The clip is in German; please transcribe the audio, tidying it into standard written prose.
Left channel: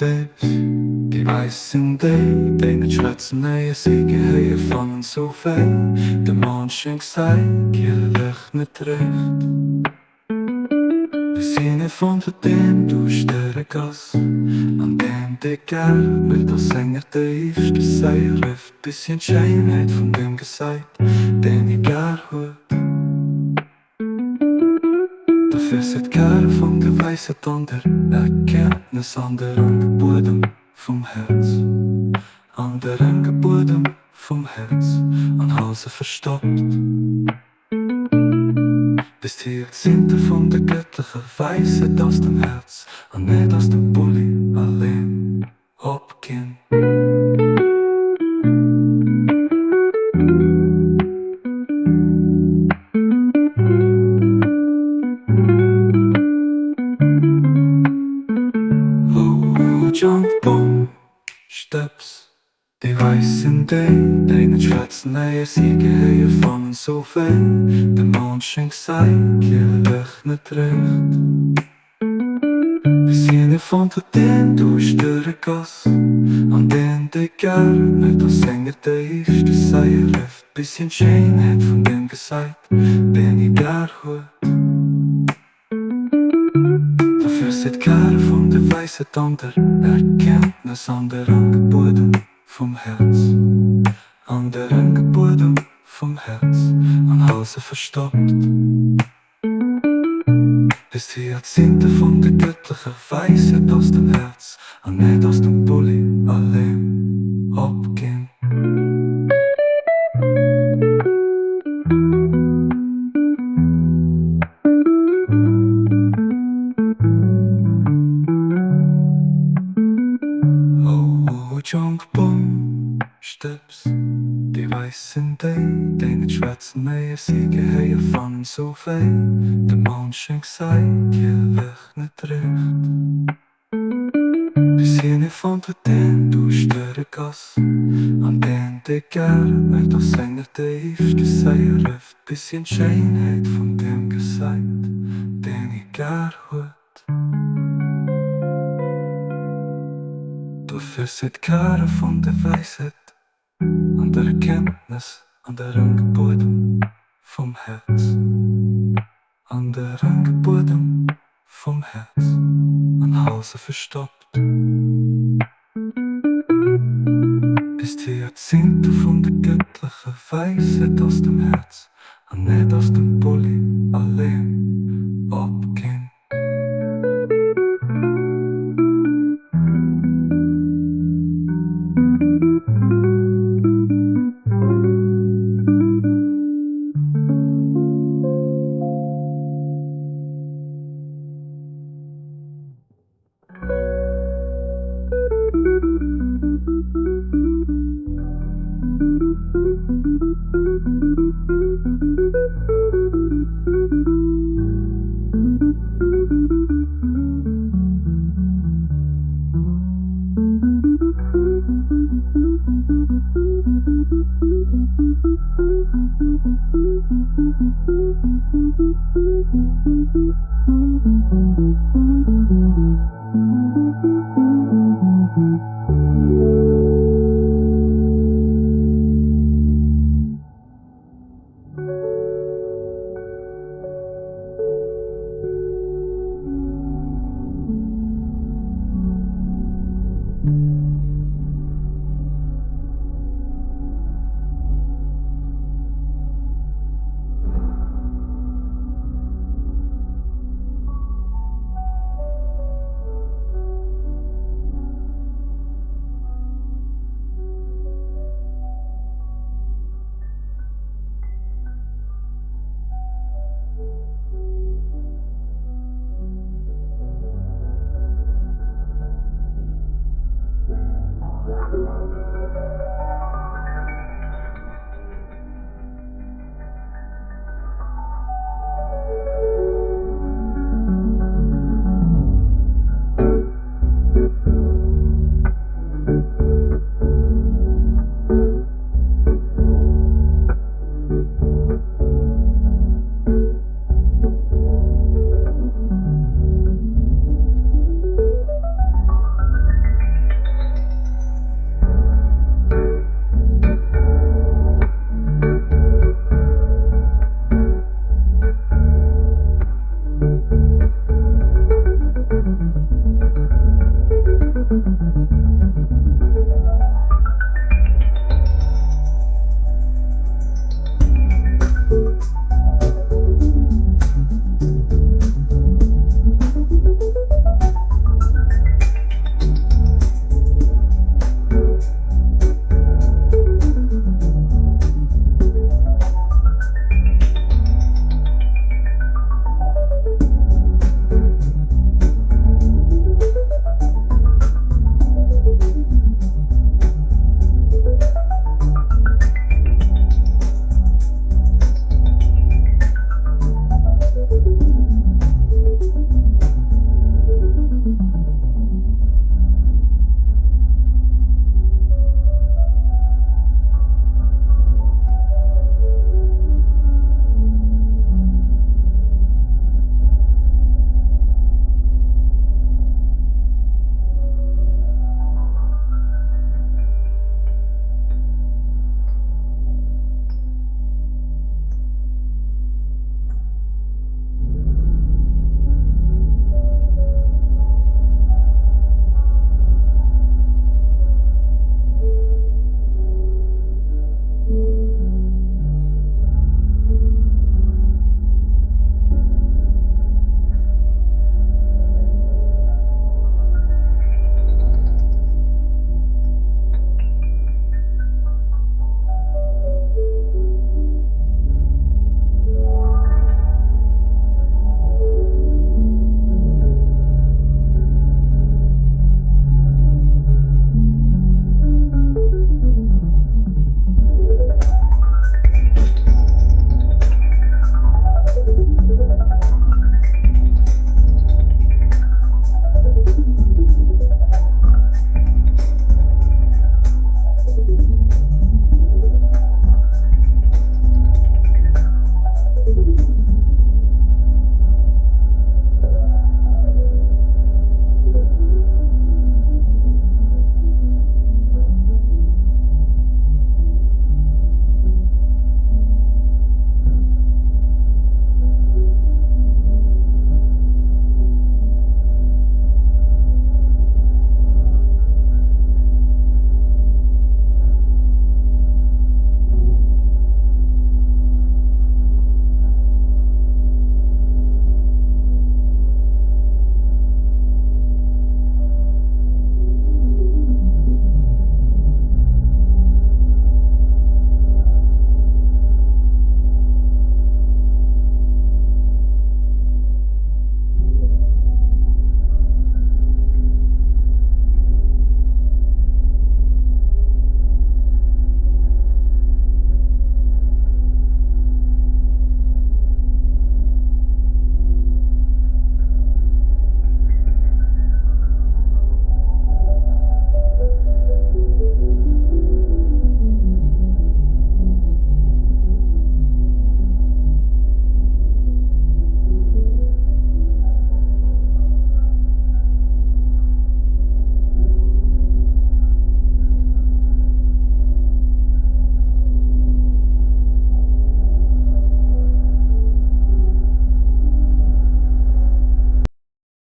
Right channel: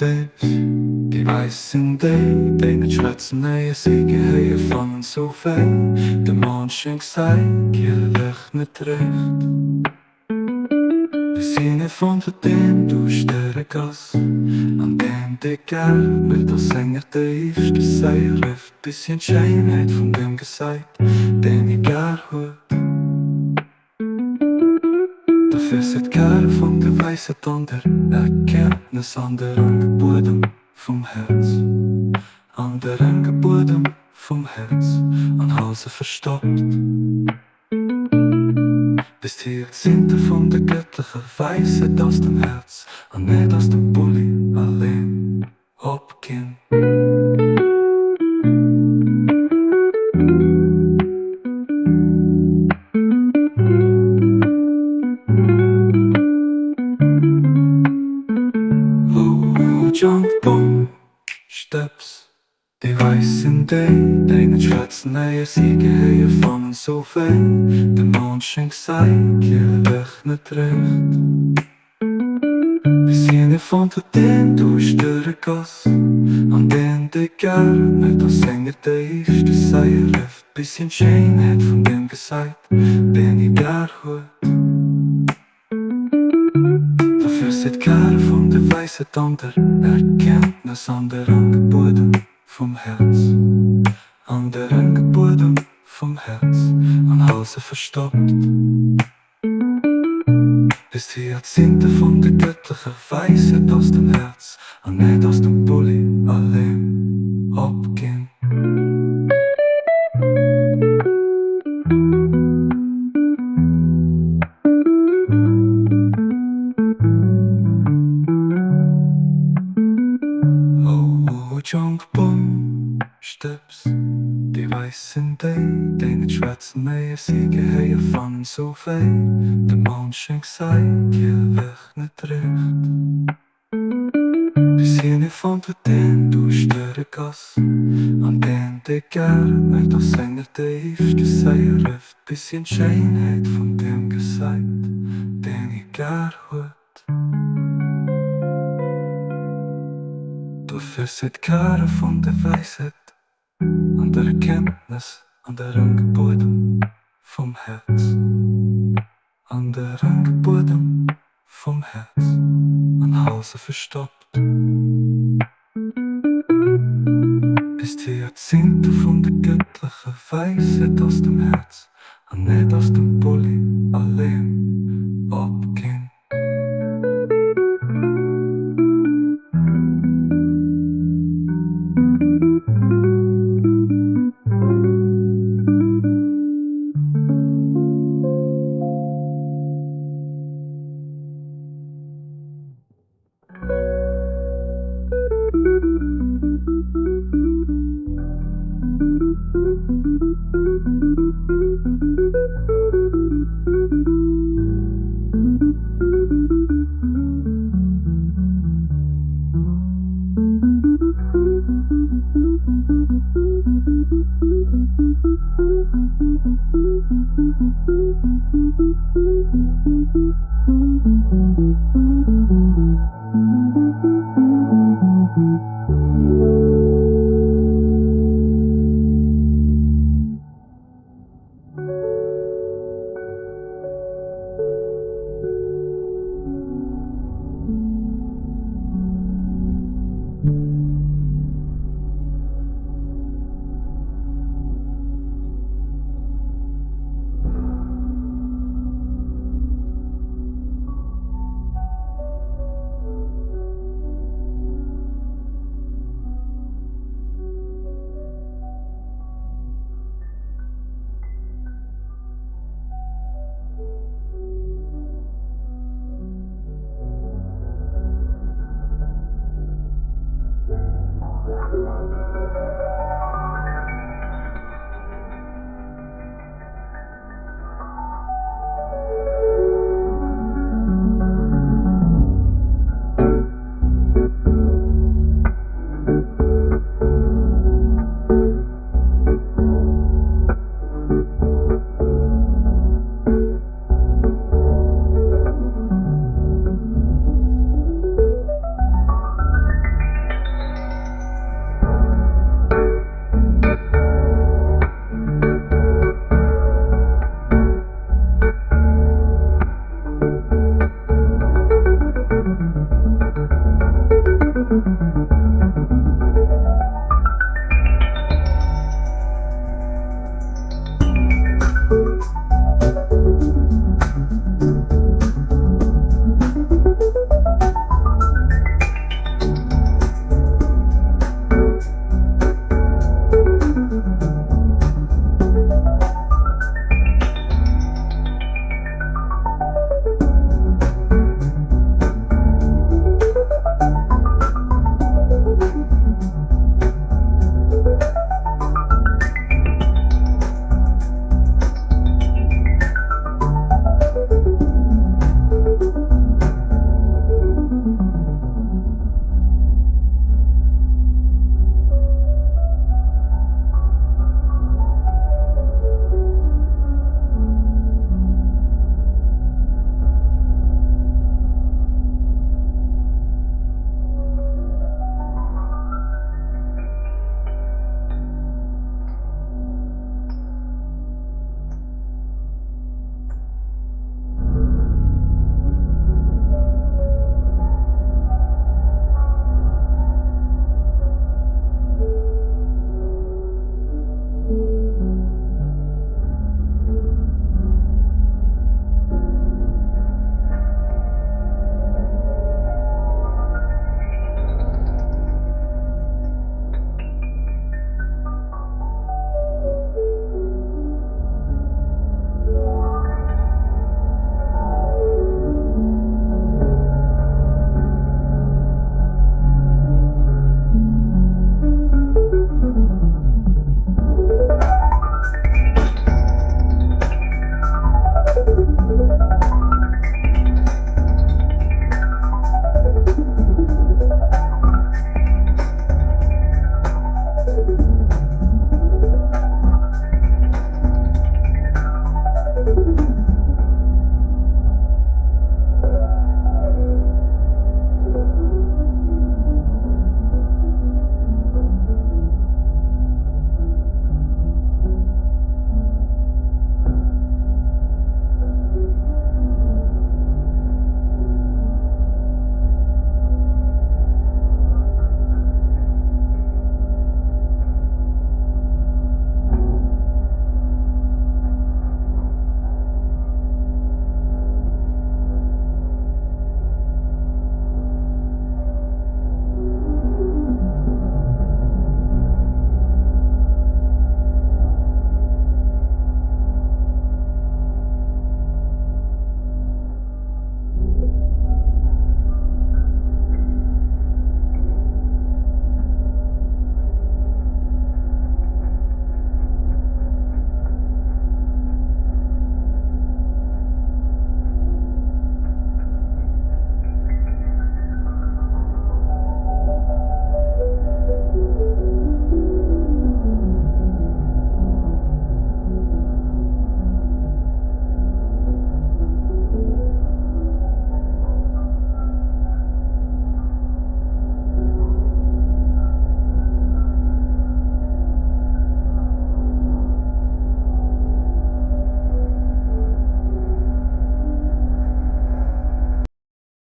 Dips, die weißen Day, denen schwätzen neue Siege, höher fangen so fein. Der Mond scheint gesagt, ihr Licht nicht recht. Wir sind gefunden, dem durch der Gasse, an dem der Kerl mit der Sänger tief, das sei rift, bisschen Scheinheit von dem gesagt, den ich gern hört. Dafür sieht keiner von der weißen Thunder, Erkenntnis an der Bodem vom Herz, an der Bodem vom Herz, an Hause verstopft. Bis hier sind von der göttlichen Weisheit aus dem Herz, und nicht aus dem Bulli allein abgehen. Jump, boom, Steps, die weißen Day, denen schwätzen neue Siege, höher fangen so fein. Der Mond scheint gesagt, ihr Licht nicht recht. Wir sind gefunden, den durch der Gasse, an den der Kerl mit der Sänger tief, das sei rift, bisschen Scheinheit von dem gesagt, den ich gern hört. Dafür sieht keiner von der weißen Thunder, Erkenntnis an der Bodem vom Herz, an der Bodem vom Herz, an Hause verstopft. Bis hier sind von der göttlichen Weisheit aus dem Herz, und nicht aus dem Bulli allein abgehen. Junk, boom, Steps, die weißen Day, denen schwätzen neue Siege, höher fangen so fein. Der Mond scheint gesagt, ihr Licht nicht recht. Wir sind gefunden, den durch der Gasse, an den der Kerl mit der Sänger tief, das sei rift, bisschen Scheinheit von dem gesagt, den ich gern hört. Dafür sieht keiner von der Weisheit, an der Erkenntnis, an der Bodem vom Herz, an der Bodem vom Herz, an Hause verstopft. Bis die Jahrzehnte von der göttlichen Weisheit aus dem Herz, und nicht aus dem Bulli allein abgehen.